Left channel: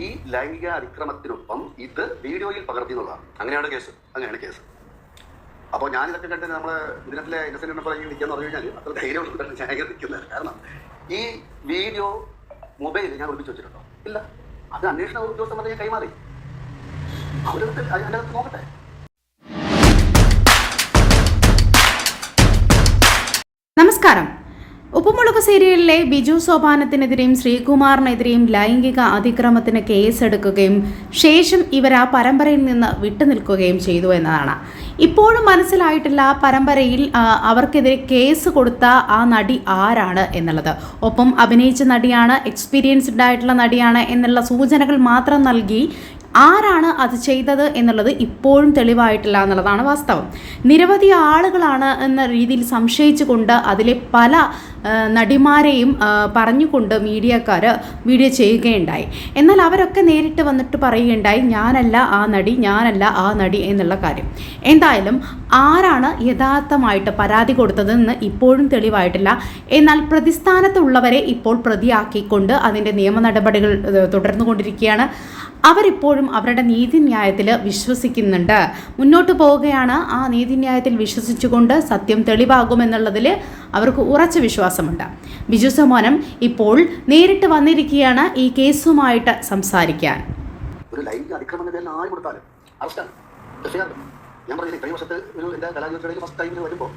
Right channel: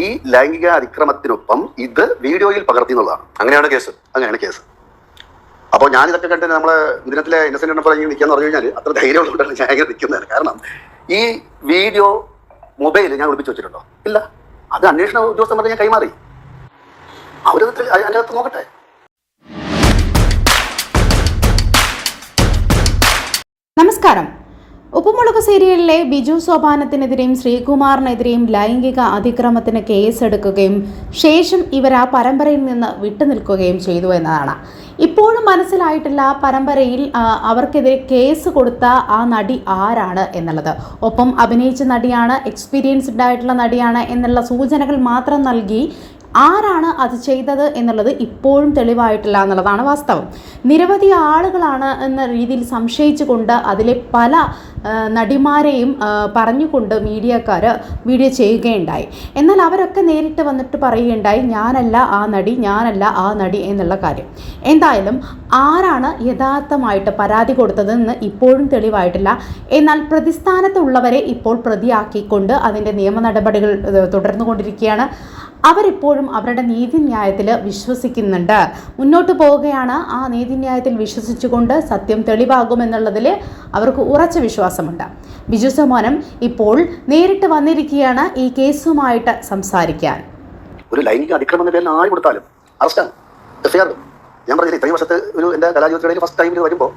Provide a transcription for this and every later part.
ഈ ലൈംഗിക അതിക്രമത്തിനൊപ്പം ഇത് വീഡിയോയിൽ പകർത്തി എന്നുള്ളതാണ് അങ്ങനെയാണ് കേസ്. അങ്ങനെയാണ് കേസ്. അപ്പോൾ ഞാൻ ഇതൊക്കെ കണ്ട് നമ്മളെ ദിനത്തിലെ ഇന്നസെന്റ് ഇങ്ങനെ നിൽക്കാന്ന് പറഞ്ഞു കഴിഞ്ഞാൽ അത്ര ധൈര്യമുള്ളതുകൊണ്ടാണ് ഞാൻ ഇങ്ങനെ നിൽക്കുന്നത്. കാരണം ഈ വീഡിയോ മൊബൈൽ ഞാൻ ഒളിപ്പിച്ച് വെച്ചിട്ടുണ്ടോ? ഇല്ല. അത് അന്വേഷണ ഉദ്യോഗസ്ഥന്മാരെ ഞാൻ കൈമാറി. അവരത് അതിനകത്ത് നോക്കട്ടെ. നമസ്കാരം. ഉപ്പുമുളക് സീരിയലിലെ ബിജു സോപാനത്തിനെതിരെയും ശ്രീകുമാറിനെതിരെയും ലൈംഗിക അതിക്രമത്തിന് കേസെടുക്കുകയും ശേഷം ഇവർ ആ പരമ്പരയിൽ നിന്ന് വിട്ടുനിൽക്കുകയും ചെയ്തു എന്നതാണ്. ഇപ്പോഴും മനസ്സിലായിട്ടില്ല ആ പരമ്പരയിൽ അവർക്കെതിരെ കേസ് കൊടുത്ത ആ നടി ആരാണ് എന്നുള്ളത്. ഒപ്പം അഭിനയിച്ച നടിയാണ് എക്സ്പീരിയൻസ്ഡ് ആയിട്ടുള്ള നടിയാണ് എന്നുള്ള സൂചനകൾ മാത്രം നൽകി ആരാണ് അത് ചെയ്തത് എന്നുള്ളത് ഇപ്പോഴും തെളിവായിട്ടില്ല എന്നുള്ളതാണ് വാസ്തവം. നിരവധി ആളുകളാണ് എന്ന രീതിയിൽ സംശയിച്ചുകൊണ്ട് അതിലെ പല നടിമാരെയും പറഞ്ഞുകൊണ്ട് മീഡിയക്കാർ വീഡിയോ ചെയ്യുകയുണ്ടായി. എന്നാൽ അവരൊക്കെ നേരിട്ട് വന്നിട്ട് പറയുകയുണ്ടായി ഞാനല്ല ആ നടി ഞാനല്ല ആ നടി എന്നുള്ള കാര്യം. എന്തായാലും ആരാണ് യഥാർത്ഥമായിട്ട് പരാതി കൊടുത്തതെന്ന് ഇപ്പോഴും തെളിവായിട്ടില്ല. എന്നാൽ പ്രതിസ്ഥാനത്തുള്ളവരെ ഇപ്പോൾ പ്രതിയാക്കിക്കൊണ്ട് അതിന്റെ നിയമ നടപടികൾ തുടർന്നുകൊണ്ടിരിക്കുകയാണ്. അവരിപ്പോഴും അവരുടെ നീതിന്യായത്തിൽ വിശ്വസിക്കുന്നുണ്ട്. മുന്നോട്ട് പോവുകയാണ് ആ നീതിന്യായത്തിൽ വിശ്വസിച്ചുകൊണ്ട് സത്യം തെളിവാകുമെന്നുള്ളതിൽ അവർക്ക് ഉറച്ച വിശ്വാസമുണ്ട്. ബിജു സമോനം ഇപ്പോൾ നേരിട്ട് വന്നിരിക്കുകയാണ് ഈ കേസുമായിട്ട് സംസാരിക്കാൻ. ഒരു ലൈംഗിക അതിക്രമം കൊടുത്താലും ഞാൻ വർഷത്തെ ഫസ്റ്റ് ടൈമിൽ വരുമ്പോൾ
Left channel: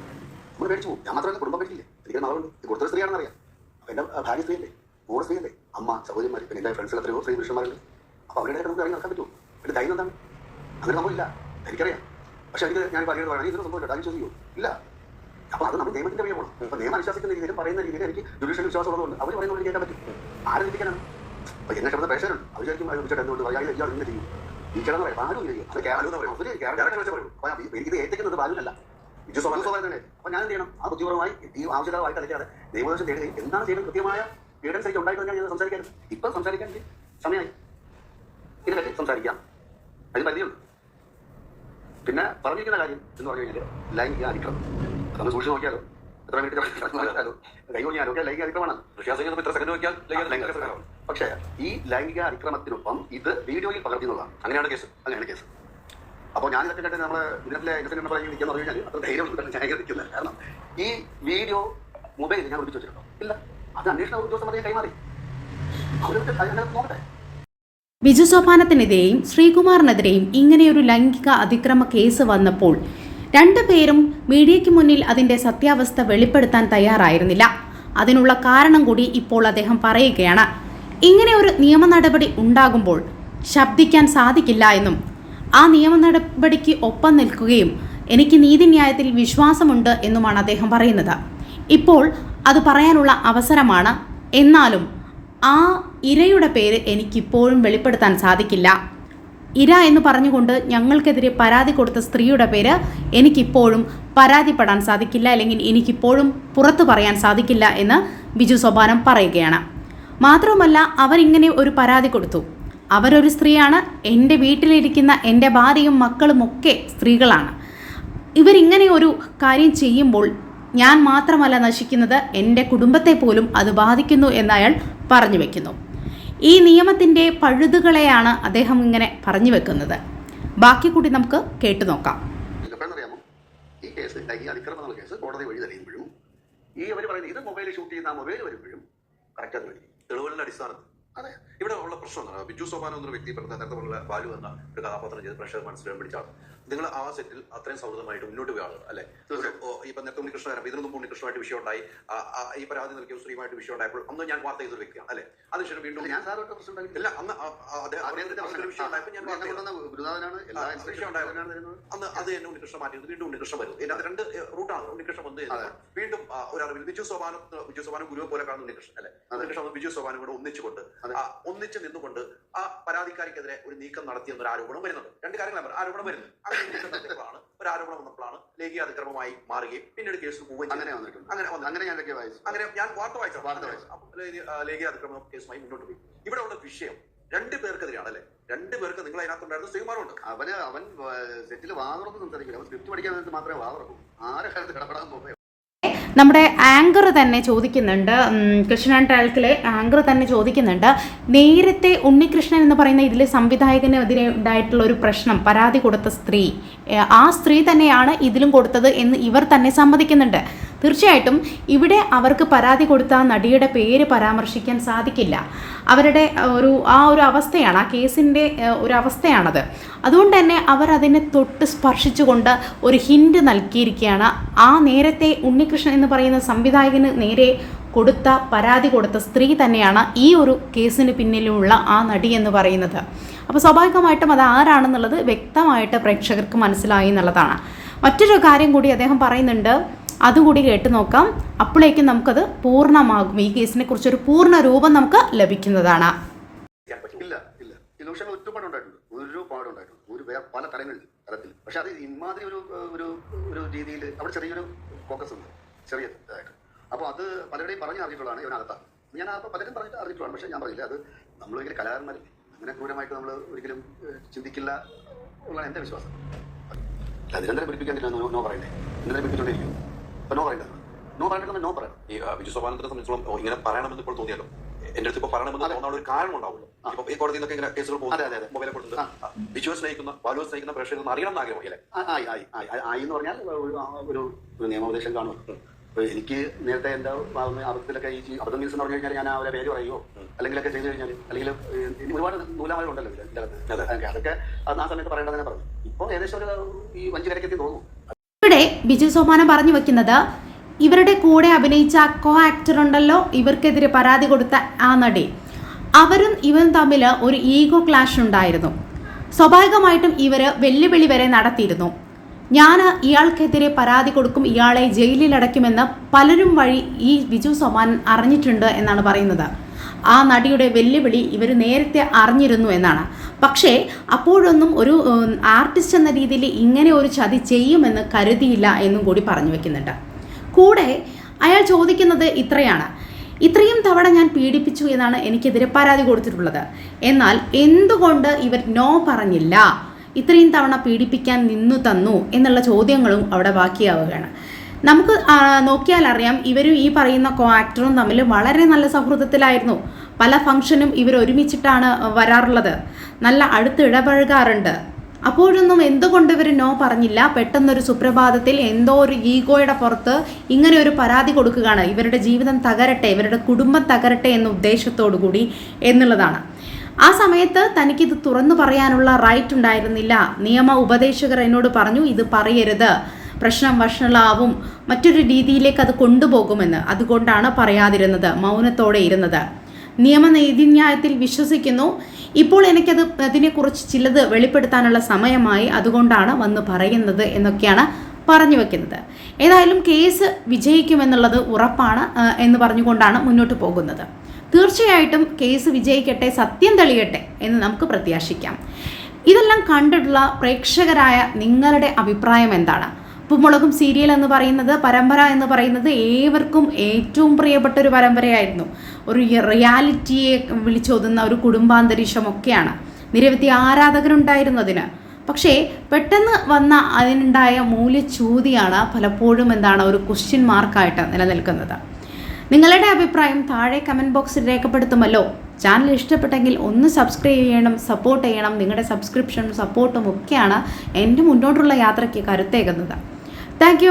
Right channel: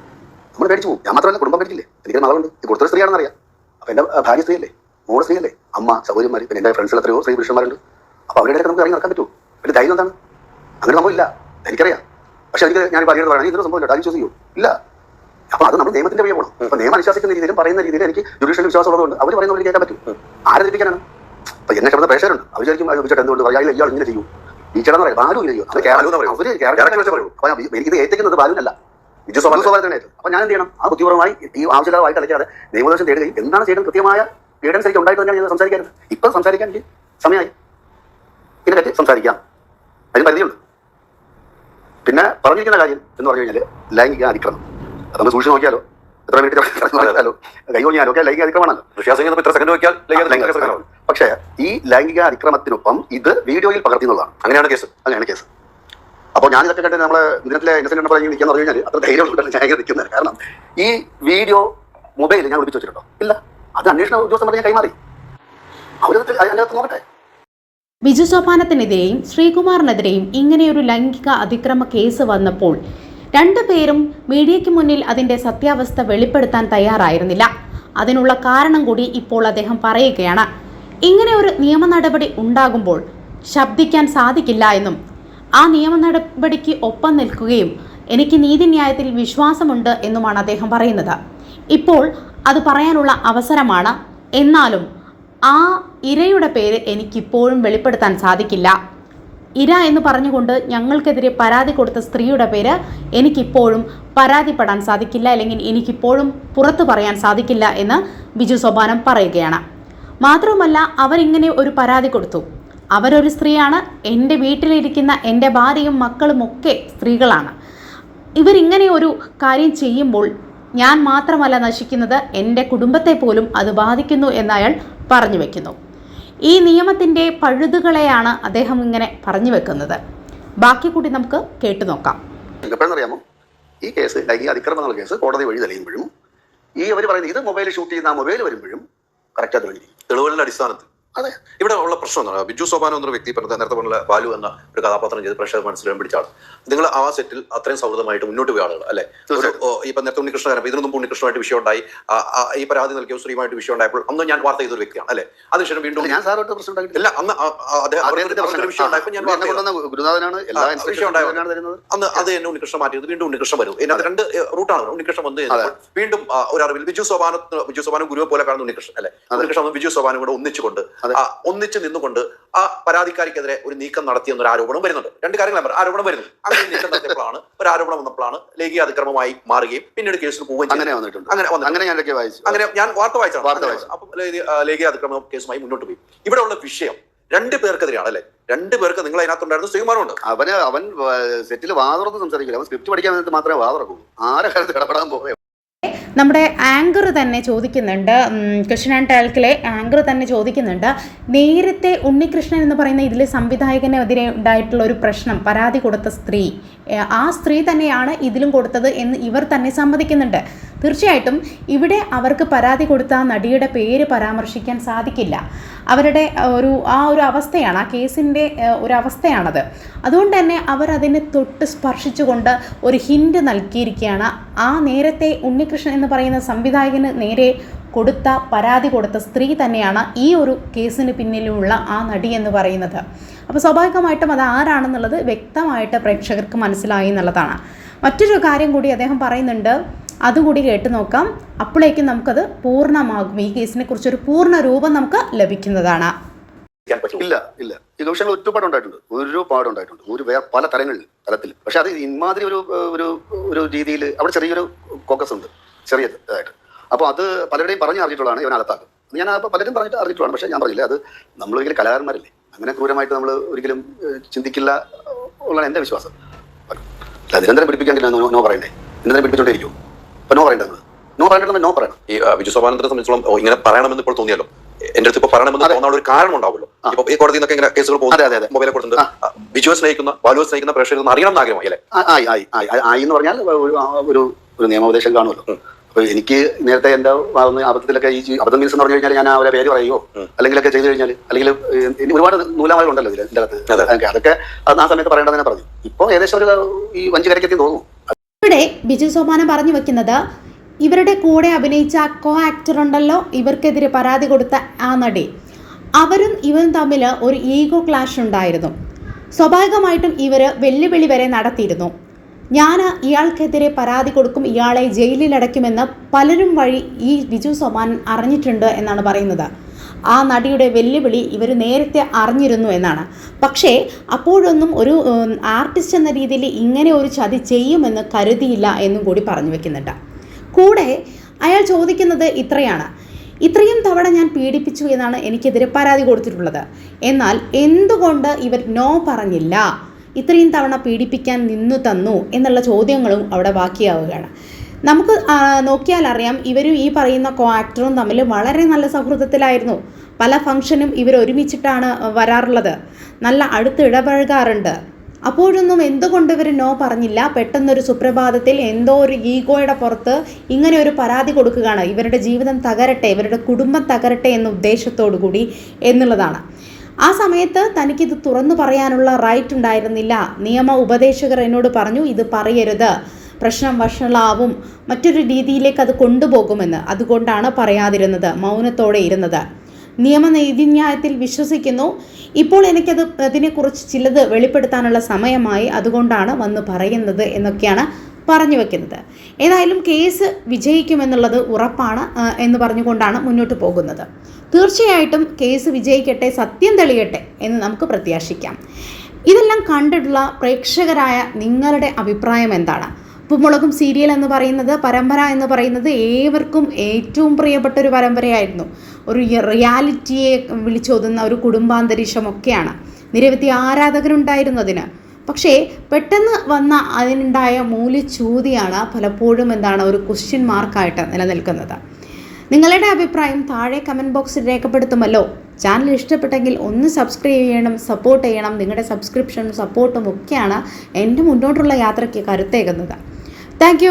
നമ്മൾ ഞാൻ മാത്രമല്ല കുടുംബം പേടിച്ചില്ലേ? ഭാര്യ സ്ത്രീയല്ലേ? മോൾ സ്ത്രീയല്ലേ? അമ്മ സഹോദരിമാർ പിന്നെ എന്റെ ഫ്രണ്ട്സിൽ എത്രയോ സ്ത്രീ പുരുഷന്മാരുണ്ട്. അപ്പോൾ അവരുടെ ഇടയ്ക്ക് നമുക്ക് ഇറങ്ങി നടക്കാൻ പറ്റുമോ? പിന്നെ ധൈര്യം എന്താണ്? അങ്ങനെ സംഭവം ഇല്ല. എനിക്കറിയാം. പക്ഷെ എനിക്ക് ഞാൻ പറയുന്നത് പറയണം ഇതൊരു സംഭവമില്ല അത് വിശ്വസിക്കൂ ഇല്ല. അപ്പോൾ അത് നമ്മൾ നിയമത്തിന്റെ വഴി പോകണം അപ്പോൾ നിയമം അനുശാസിക്കുന്ന രീതിയിലും പറയുന്ന രീതിയിൽ എനിക്ക് ജുഡീഷ്യൽ വിശ്വാസം ഉള്ളതുകൊണ്ട് അവർ പറയുന്ന പോലെ കേൾക്കാൻ പറ്റും. ആരധിപ്പിക്കാനാണ് അപ്പൊ എന്നെ കിടന്ന പ്രേക്ഷകരുണ്ട്. അവർ വിചാരിക്കും ചോദിച്ചിട്ട് ചേട്ടാ എന്തുകൊണ്ട് പറയാ ഇയാൾ ഇങ്ങനെ ചെയ്യും. ചേട്ടൻ പറയാം ആരും ഇല്ല ചെയ്യും. അത് കേരളം അവർ ഇത് വെച്ച് പറയും. അപ്പൊ ഞാൻ- എനിക്കിത് ഏറ്റിക്കുന്നത് ബാലുവിനല്ല. ബിജു സ്വാഭാവികമായിട്ട് അപ്പൊ ഞാൻ എന്ത് ചെയ്യണം? ആ ബുദ്ധിപരമായി ഈ ആവശ്യമായി കളിക്കാതെ നിയമോപദേശം തേടുകയും എന്താണ് ചെയ്യേണ്ടത്? കൃത്യമായ ഗൈഡൻസ് എനിക്ക് ഉണ്ടായിട്ട് തന്നെയാണ് ഞാൻ സംസാരിക്കാറ്. ഇപ്പൊ സംസാരിക്കാൻ എനിക്ക് സമയമായി. ഇതിനെ പറ്റി സംസാരിക്കാം. അതിന് പരിധിയുണ്ട്. പിന്നെ പറഞ്ഞിരിക്കുന്ന കാര്യം എന്ന് പറഞ്ഞു കഴിഞ്ഞാൽ ലൈംഗിക അതിക്രമം അത് നമ്മൾ സൂക്ഷിച്ച് നോക്കിയാലോ? എത്ര മിനിറ്റ് നോക്കിയാലോ? കൈ കൊഞ്ഞാലോ ഒക്കെ ലൈംഗിക അതിക്രമമാണല്ലോ ഇത്ര സെക്കൻഡ് നോക്കിയാൽ. പക്ഷേ ഈ ലൈംഗിക അതിക്രമത്തിനൊപ്പം ഇത് വീഡിയോയിൽ പകർത്തി എന്നുള്ളതാണ്. അങ്ങനെയാണ് കേസ്. അങ്ങനെയാണ് കേസ്. അപ്പോൾ ഞാൻ ഇതൊക്കെ കണ്ടിട്ട് നമ്മളെ ഇന്നസെന്റ് നമ്പർ ഇങ്ങനെ നിൽക്കാന്ന് പറഞ്ഞു കഴിഞ്ഞാൽ അത്ര ധൈര്യം ഉണ്ടല്ലോ ഞാൻ നിൽക്കുന്നത്. കാരണം ഈ വീഡിയോ മൊബൈൽ ഞാൻ ഒളിപ്പിച്ച് വെച്ചിട്ടുണ്ടോ? ഇല്ല. അത് അന്വേഷണ ഉദ്യോഗസ്ഥന്മാരെ ഞാൻ കൈമാറി. അവരത് അതിനകത്ത് നോക്കട്ടെ. ബിജു സോപാനത്തിനെതിരെയും ശ്രീകുമാറിനെതിരെയും ഇങ്ങനെയൊരു ലൈംഗിക അതിക്രമ കേസ് വന്നപ്പോൾ രണ്ടുപേരും മീഡിയയ്ക്ക് മുന്നിൽ അതിന്റെ സത്യാവസ്ഥ വെളിപ്പെടുത്താൻ തയ്യാറായിരുന്നില്ല. അതിനുള്ള കാരണം കൂടി ഇപ്പോൾ അദ്ദേഹം പറയുകയാണ്. ഇങ്ങനെ ഒരു നിയമ നടപടി ഉണ്ടാകുമ്പോൾ ശബ്ദിക്കാൻ സാധിക്കില്ല എന്നും ആ നിയമ നടപടിക്ക് ഒപ്പം നിൽക്കുകയും എനിക്ക് നീതിന്യായത്തിൽ വിശ്വാസമുണ്ട് എന്നുമാണ് അദ്ദേഹം പറയുന്നത്. ഇപ്പോൾ അത് പറയാനുള്ള അവസരമാണ് എന്നാലും ആ ഇരയുടെ പേര് എനിക്കിപ്പോഴും വെളിപ്പെടുത്താൻ സാധിക്കില്ല. ഇര എന്ന് പറഞ്ഞുകൊണ്ട് ഞങ്ങൾക്കെതിരെ പരാതി കൊടുത്ത സ്ത്രീയുടെ പേര് എനിക്കിപ്പോഴും പരാതിപ്പെടാൻ സാധിക്കില്ല അല്ലെങ്കിൽ എനിക്കിപ്പോഴും പുറത്തു പറയാൻ സാധിക്കില്ല എന്ന് ബിജു സോപാനം പറയുകയാണ്. മാത്രവുമല്ല അവരിങ്ങനെ ഒരു പരാതി കൊടുത്തു. അവരൊരു സ്ത്രീയാണ്. എന്റെ വീട്ടിലിരിക്കുന്ന എന്റെ ഭാര്യയും മക്കളും ഒക്കെ സ്ത്രീകളാണ്. ഇവരിങ്ങനെ ഒരു കാര്യം ചെയ്യുമ്പോൾ ഞാൻ മാത്രമല്ല നശിക്കുന്നത് എന്റെ കുടുംബത്തെ പോലും അത് ബാധിക്കുന്നു എന്നയാൾ പറഞ്ഞു വെക്കുന്നു. ഈ നിയമത്തിന്റെ പഴുതുകളെയാണ് അദ്ദേഹം ഇങ്ങനെ പറഞ്ഞു വെക്കുന്നത്. ബാക്കി കൂടി നമുക്ക് കേട്ടു നോക്കാം. ഈ കേസ് ലൈംഗിക അതിക്രമം എന്നുള്ള കേസ് കോടതി വഴി തെളിയുമ്പോഴും ഈ അവർ പറയുന്നത് ഇത് മൊബൈൽ ഷൂട്ട് ചെയ്യുന്ന ആ മൊബൈൽ വരുമ്പോഴും കറക്റ്റ് തെളിഞ്ഞിരിക്കും. തെളിവുകളുടെ അടിസ്ഥാനത്തിൽ. അതെ. ഇവിടെ ഉള്ള പ്രശ്നം എന്താണ് ബിജു സോപാനോ എന്നൊരു വ്യക്തി പറഞ്ഞ നേരത്തെ പറഞ്ഞ ബാലു എന്ന ഒരു കഥാപാത്രം ചെയ്ത് പ്രേക്ഷകർ മനസ്സിലാൻ പിടിച്ച ആൾ നിങ്ങൾ ആ സെറ്റിൽ അത്രയും സൗഹൃദമായിട്ട് മുന്നോട്ട് പോയ ആളുകൾ അല്ലെ? ഇപ്പൊ നേരത്തെ ഉണ്ണികൃഷ്ണൻ ഇതിനു മുമ്പ് ഉണ്ണികൃഷ്ണമായിട്ട് വിഷയം ഉണ്ടായി. ഈ പരാതി നൽകിയ സ്ത്രീയുമായിട്ട് വിഷയം ഉണ്ടായപ്പോൾ അന്ന് ഞാൻ വാർത്ത ചെയ്തൊരു വ്യക്തിയാണ് അല്ലെ? അതിനുശേഷം വീണ്ടും ഞാൻ സാറോട്ട് പ്രശ്നം ഇല്ല അന്ന് വിഷയം ഉണ്ടായപ്പോൾ ഞാൻ എന്നെ. ഗുരുനാഥനാണ് വിഷയം? അന്ന് അത് എന്നെ ഉണ്ണികൃഷ്ണൻ മാറ്റിയത് വീണ്ടും ഉണ്ണികൃഷ്ണൻ വരും ഇതിനകത്ത് രണ്ട് റൂട്ടാണ് ഉണ്ണികൃഷ്ണൻ വന്നു വീണ്ടും ഒരു അറിവിൽ ബിജു സോപാന ബിജു സോപാനം ഗുരുവെ പോലെ കാണുന്ന ഉണ്ണികൃഷ്ണൻ അല്ലെ? ഉണ്ണികൃഷ്ണൻ ബിജു സോപാനും കൂടെ ഒന്നിച്ചുകൊണ്ട് ഒന്നിച്ച് നിന്നുകൊണ്ട് ആ പരാതിക്കാരിക്കെതിരെ ഒരു നീക്കം നടത്തി എന്നൊരു ആരോപണം വരുന്നുണ്ട്. രണ്ട് കാര്യങ്ങൾ ആരോപണം വരുന്നു. അങ്ങനെ നീക്കം നടത്തിയപ്പോഴാണ് ഒരു ആരോപണം വന്നപ്പോഴാണ് ലൈംഗിക അതിക്രമമായി മാറുകയും പിന്നീട് കേസിൽ പോവുകയും അങ്ങനെ. വന്നിട്ടുണ്ട്. അങ്ങനെ അങ്ങനെ ഞാൻ വായിച്ചു. അങ്ങനെ ഞാൻ വാർത്ത വായിച്ചാണ് വായിച്ചു. അപ്പം ലൈംഗിക- അതിക്രമം അതിക്രമ കേസുമായി മുന്നോട്ട് പോയി. ഇവിടെ ഉള്ള വിഷയം രണ്ട് പേർക്കെതിരെയാണ് അല്ലെ? രണ്ട് പേർക്ക് നിങ്ങൾ അതിനകത്തുണ്ടായിരുന്നു ശ്രീകുമാറുണ്ട്. അവന് അവൻ സെറ്റിൽ വാതുറന്ന് സംസാരിക്കില്ല. അവൻ സ്ക്രിപ്റ്റ് പഠിക്കാൻ വേണ്ടി മാത്രമേ വാതുറക്കൂ ആരെ കാര്യത്തിൽ ഇടപെടാൻ പോകേ നമ്മുടെ ആങ്കർ തന്നെ ചോദിക്കുന്നുണ്ട്. കൃഷ്ണൻ ആൻഡ് ടാൽക്കിലെ ആങ്കർ തന്നെ ചോദിക്കുന്നുണ്ട്. നേരത്തെ ഉണ്ണികൃഷ്ണൻ എന്ന് പറയുന്ന ഇതിൽ സംവിധായകനെതിരെ ഉണ്ടായിട്ടുള്ള ഒരു പ്രശ്നം പരാതി കൊടുത്ത സ്ത്രീ. ആ സ്ത്രീ തന്നെയാണ് ഇതിലും കൊടുത്തത് എന്ന് ഇവർ തന്നെ സമ്മതിക്കുന്നുണ്ട്. തീർച്ചയായിട്ടും ഇവിടെ അവർക്ക് പരാതി കൊടുത്ത നടിയുടെ പേര് പരാമർശിക്കാൻ സാധിക്കില്ല. അവരുടെ ഒരു ആ ഒരു അവസ്ഥയാണ് ആ കേസിന്റെ ഒരു അവസ്ഥയാണത്. അതുകൊണ്ട് തന്നെ അവർ അതിനെ തൊട്ട് സ്പർശിച്ചുകൊണ്ട് ഒരു ഹിൻഡ് നൽകിയിരിക്കുകയാണ്. ആ നേരത്തെ ഉണ്ണികൃഷ്ണൻ എന്ന് പറയുന്ന സംവിധായകന് നേരെ കൊടുത്ത പരാതി കൊടുത്ത സ്ത്രീ തന്നെയാണ് ഈ ഒരു കേസിന് പിന്നിലുള്ള ആ നടി എന്ന് പറയുന്നത്. അപ്പോൾ സ്വാഭാവികമായിട്ടും അത് ആരാണെന്നുള്ളത് വ്യക്തമായിട്ട് പ്രേക്ഷകർക്ക് മനസ്സിലായി എന്നുള്ളതാണ്. മറ്റൊരു കാര്യം കൂടി അദ്ദേഹം പറയുന്നുണ്ട്. അതുകൂടി കേട്ട് നോക്കാം. അപ്പോഴേക്കും നമുക്കത് പൂർണമാകും. ഈ കേസിനെ കുറിച്ചൊരു പൂർണ രൂപം നമുക്ക് ലഭിക്കുന്നതാണ്. ഇല്ല ഇല്ല. ഈ വിഷയങ്ങൾ ഒരുപാട് ഉണ്ടായിട്ടുണ്ട് ഒരുപാട് ഉണ്ടായിട്ടുണ്ട് ഒരു പല തരങ്ങളിൽ തലത്തിൽ. പക്ഷെ അത് ഇമാതിരി ഒരു ഒരു ഒരു രീതിയിൽ അവിടെ ചെറിയൊരു കോക്കസ് ഉണ്ട്. ചെറിയ ഇതായിട്ട് അപ്പോൾ അത് പലരുടെയും പറഞ്ഞ് അറിഞ്ഞിട്ടുള്ളതാണ് ഇവൻ അകത്താക്കും ഞാൻ പലരും പറഞ്ഞിട്ട് അറിഞ്ഞിട്ടുള്ളതാണ്. പക്ഷേ ഞാൻ പറഞ്ഞില്ല. അത് നമ്മൾ ഒരിക്കലും കലാകാരന്മാരല്ലേ? അങ്ങനെ ക്രൂരമായിട്ട് നമ്മൾ ഒരിക്കലും ചിന്തിക്കില്ല ഉള്ളതാണ് എന്റെ വിശ്വാസം. നിരന്തരം പിടിപ്പിക്കാൻ നോ പറയണ്ടേ നിരന്തരം പിടിപ്പിച്ചോണ്ടിരിക്കും അപ്പോൾ നോ പറയണ്ടേ നോ പറയണ്ടെന്ന് നോ പറയണം. ഈ വിജു സോപാനന്ദനെ സംബന്ധിച്ചോളം ഇങ്ങനെ പറയണമെന്ന് ഇപ്പോൾ തോന്നിയല്ലോ. എന്റെ അടുത്ത് ഇപ്പൊ പറയണമെന്ന് തോന്നാനുള്ള ഒരു കാരണം ഉണ്ടാവുമല്ലോ. ഇപ്പൊ ഈ കോടതിയിൽ നിന്നൊക്കെ ഇങ്ങനെ കേസുകൾ അതെ. മൊബൈലെ കൊടുത്തിട്ടുണ്ട്. ബിജുവെ സ്നേഹിക്കുന്ന ബാലുവെ സ്നേഹിക്കുന്ന പ്രേക്ഷകർ ഒന്ന് അറിയണം എന്ന് ആഗ്രഹമായി അല്ലേ? ആയി ആയി എന്ന് പറഞ്ഞാൽ ഒരു ഒരു നിയമോപദേശം കാണുമല്ലോ. അപ്പൊ എനിക്ക് നേരത്തെ എന്റെ അബദ്ധത്തിലൊക്കെ ഈ അബദ്ധം മീൻസ് എന്ന് പറഞ്ഞു കഴിഞ്ഞാൽ ഞാൻ അവരെ പേര് പറയുമോ അല്ലെങ്കിൽ ഒക്കെ ചെയ്തു കഴിഞ്ഞാൽ അല്ലെങ്കിൽ ഒരുപാട് ഇനി ഉണ്ടല്ലോ ഇതിൽ എന്റെ അകത്ത്. അതൊക്കെ അതൊക്കെ അത് ആ സമയത്ത് പറയേണ്ടതെന്ന് പറഞ്ഞു. ഇപ്പൊ ഏകദേശം ഒരു ഈ വഞ്ചി കരയ്ക്കെത്തി തോന്നുന്നു. ഇവിടെ ബിജു സോമാനം പറഞ്ഞു വെക്കുന്നത് ഇവരുടെ കൂടെ അഭിനയിച്ച കോ ആക്ടർ ഉണ്ടല്ലോ ഇവർക്കെതിരെ പരാതി കൊടുത്ത ആ നടി അവരും ഇവരും തമ്മിൽ ഒരു ഈഗോ ക്ലാഷ് ഉണ്ടായിരുന്നു. സ്വാഭാവികമായിട്ടും ഇവർ വെല്ലുവിളി വരെ നടത്തിയിരുന്നു. ഞാൻ ഇയാൾക്കെതിരെ പരാതി കൊടുക്കും ഇയാളെ ജയിലിലടയ്ക്കുമെന്ന് പലരും വഴി ഈ ബിജു സോമാൻ അറിഞ്ഞിട്ടുണ്ട് എന്നാണ് പറയുന്നത്. ആ നടിയുടെ വെല്ലുവിളി ഇവർ നേരത്തെ അറിഞ്ഞിരുന്നു എന്നാണ്. പക്ഷേ അപ്പോഴൊന്നും ഒരു ആർട്ടിസ്റ്റ് എന്ന രീതിയിൽ ഇങ്ങനെ ഒരു ചതി ചെയ്യുമെന്ന് കരുതിയില്ല എന്നും കൂടി പറഞ്ഞു വെക്കുന്നുണ്ട്. കൂടെ അയാൾ ചോദിക്കുന്നത് ഇത്രയാണ്. ഇത്രയും തവണ ഞാൻ പീഡിപ്പിച്ചു എന്നാണ് എനിക്കെതിരെ പരാതി കൊടുത്തിട്ടുള്ളത്. എന്നാൽ എന്തുകൊണ്ട് ഇവർ നോ പറഞ്ഞില്ല? ഇത്രയും തവണ പീഡിപ്പിക്കാൻ നിന്നു തന്നു എന്നുള്ള ചോദ്യങ്ങളും അവിടെ ബാക്കിയാവുകയാണ്. നമുക്ക് നോക്കിയാൽ അറിയാം ഇവരും ഈ പറയുന്ന കോ ആക്ടറും തമ്മിൽ വളരെ നല്ല സൗഹൃദത്തിലായിരുന്നു. പല ഫംഗ്ഷനും ഇവർ ഒരുമിച്ചിട്ടാണ് വരാറുള്ളത്. നല്ല അടുത്ത് ഇടപഴകാറുണ്ട്. അപ്പോഴൊന്നും എന്തുകൊണ്ട് ഇവർ നോ പറഞ്ഞില്ല? പെട്ടെന്നൊരു സുപ്രഭാതത്തിൽ എന്തോ ഒരു ഈഗോയുടെ പുറത്ത് ഇങ്ങനെ ഒരു പരാതി കൊടുക്കുകയാണ്. ഇവരുടെ ജീവിതം തകരട്ടെ ഇവരുടെ കുടുംബം തകരട്ടെ എന്ന ഉദ്ദേശത്തോടു കൂടി എന്നുള്ളതാണ്. ആ സമയത്ത് തനിക്കിത് തുറന്നു പറയാനുള്ള റൈറ്റ് ഉണ്ടായിരുന്നില്ല. നിയമ ഉപദേശകർ എന്നോട് പറഞ്ഞു ഇത് പറയരുത്. പ്രശ്നം വഷളാവും. മറ്റൊരു രീതിയിലേക്ക് അത് കൊണ്ടുപോകുമെന്ന് അതുകൊണ്ടാണ് പറയാതിരുന്നത് മൗനത്തോടെ ഇരുന്നത്. നിയമനീതിന്യായത്തിൽ വിശ്വസിക്കുന്നു. ഇപ്പോൾ എനിക്കത് അതിനെക്കുറിച്ച് ചിലത് വെളിപ്പെടുത്താനുള്ള സമയമായി അതുകൊണ്ടാണ് വന്ന് പറയുന്നത് എന്നൊക്കെയാണ് പറഞ്ഞു വെക്കുന്നത്. ഏതായാലും കേസ് വിജയിക്കുമെന്നുള്ളത് ഉറപ്പാണ് എന്ന് പറഞ്ഞുകൊണ്ടാണ് മുന്നോട്ട് പോകുന്നത്. തീർച്ചയായിട്ടും കേസ് വിജയിക്കട്ടെ സത്യം തെളിയട്ടെ എന്ന് നമുക്ക് പ്രത്യാശിക്കാം. ഇതെല്ലാം കണ്ടിട്ടുള്ള പ്രേക്ഷകരായ നിങ്ങളുടെ അഭിപ്രായം എന്താണ്? ഉപ്പുമുളകും സീരിയൽ എന്ന് പറയുന്നത് പരമ്പര എന്ന് പറയുന്നത് ഏവർക്കും ഏറ്റവും പ്രിയപ്പെട്ട ഒരു പരമ്പരയായിരുന്നു. ഒരു റിയാലിറ്റിയെ വിളിച്ചോതുന്ന ഒരു കുടുംബാന്തരീക്ഷമൊക്കെയാണ് നിരവധി ആരാധകരുണ്ടായിരുന്നു അതിന് പക്ഷേ പെട്ടെന്ന് വന്ന അതിനുണ്ടായ മൂല്യച്യൂതിയാണ് പലപ്പോഴും എന്താണ് ഒരു ക്വസ്റ്റ്യൻ മാർക്കായിട്ട് നിലനിൽക്കുന്നത്. നിങ്ങളുടെ അഭിപ്രായം താഴെ കമന്റ് ബോക്സിൽ രേഖപ്പെടുത്തുമല്ലോ. ചാനൽ ഇഷ്ടപ്പെട്ടെങ്കിൽ ഒന്ന് സബ്സ്ക്രൈബ് ചെയ്യണം സപ്പോർട്ട് ചെയ്യണം. നിങ്ങളുടെ സബ്സ്ക്രിപ്ഷനും സപ്പോർട്ടും ഒക്കെയാണ് എന്റെ മുന്നോട്ടുള്ള യാത്രയ്ക്ക് കരുത്തേകുന്നത്. താങ്ക്